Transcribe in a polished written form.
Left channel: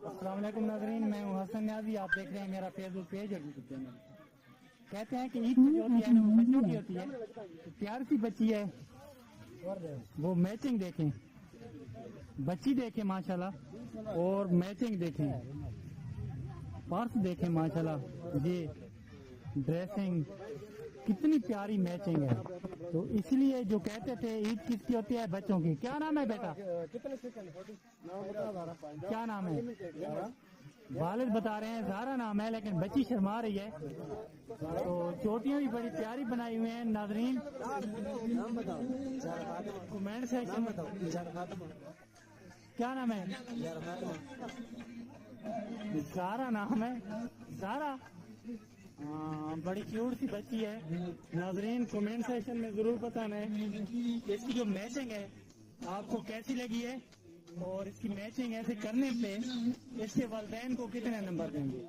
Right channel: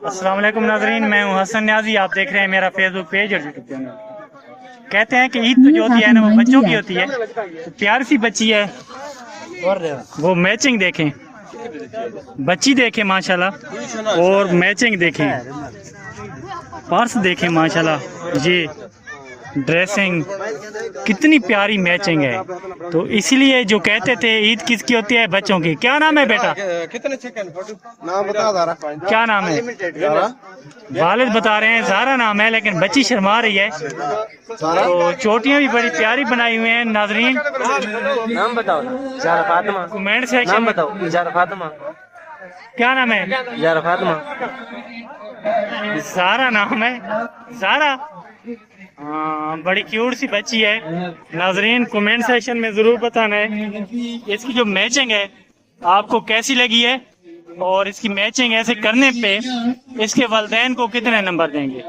अस्सलाम वालेकुम नाजरीन, मैं हूं हसन न्याजी। आप देख रहे हैं मेरा फेसबुक पेज और यूट्यूब चैनल। कहते हैं कि ईद तो जो होती है ना वो बच्चों की होती है। तो प्यारी सी बच्ची है, वो मैचिंग देखें, बच्ची देखें माशाल्लाह, और मैचिंग देखें, पर्स देखें माशाल्लाह, ये ड्रेसिंग कितनी प्यारी मैचिंग है। तो इसलिए जो कहते थे ईद किसकी होती है, बच्चों की। क्या नाम है बेटा, कितने सेकंड नाम बता? क्या नाम है? वालिद बता रहे हैं ज़ारा नाम है, लेकिन बच्ची शर्मा रही है। तो चोटियां भी बड़ी प्यारी बनाई हुई हैं नाजरीन। नाम बताओ। ज़ारा फातिमा। कमेंट सेक्शन में बताओ। ज़ारा फातिमा। क्या नाम है? ज़ारा फातिमा। ज़ारा नाम है, ज़ारा। हाँ, बड़ी क्यूट सी बच्ची है नाजरीन। कमेंट सेक्शन में ज़रूर बताना है इसकी जो मैचिंग है आपको कैसी लगी है, और इसकी मैचिंग ऐसे करने पे इसके वालिदैन को कितने नंबर देंगे।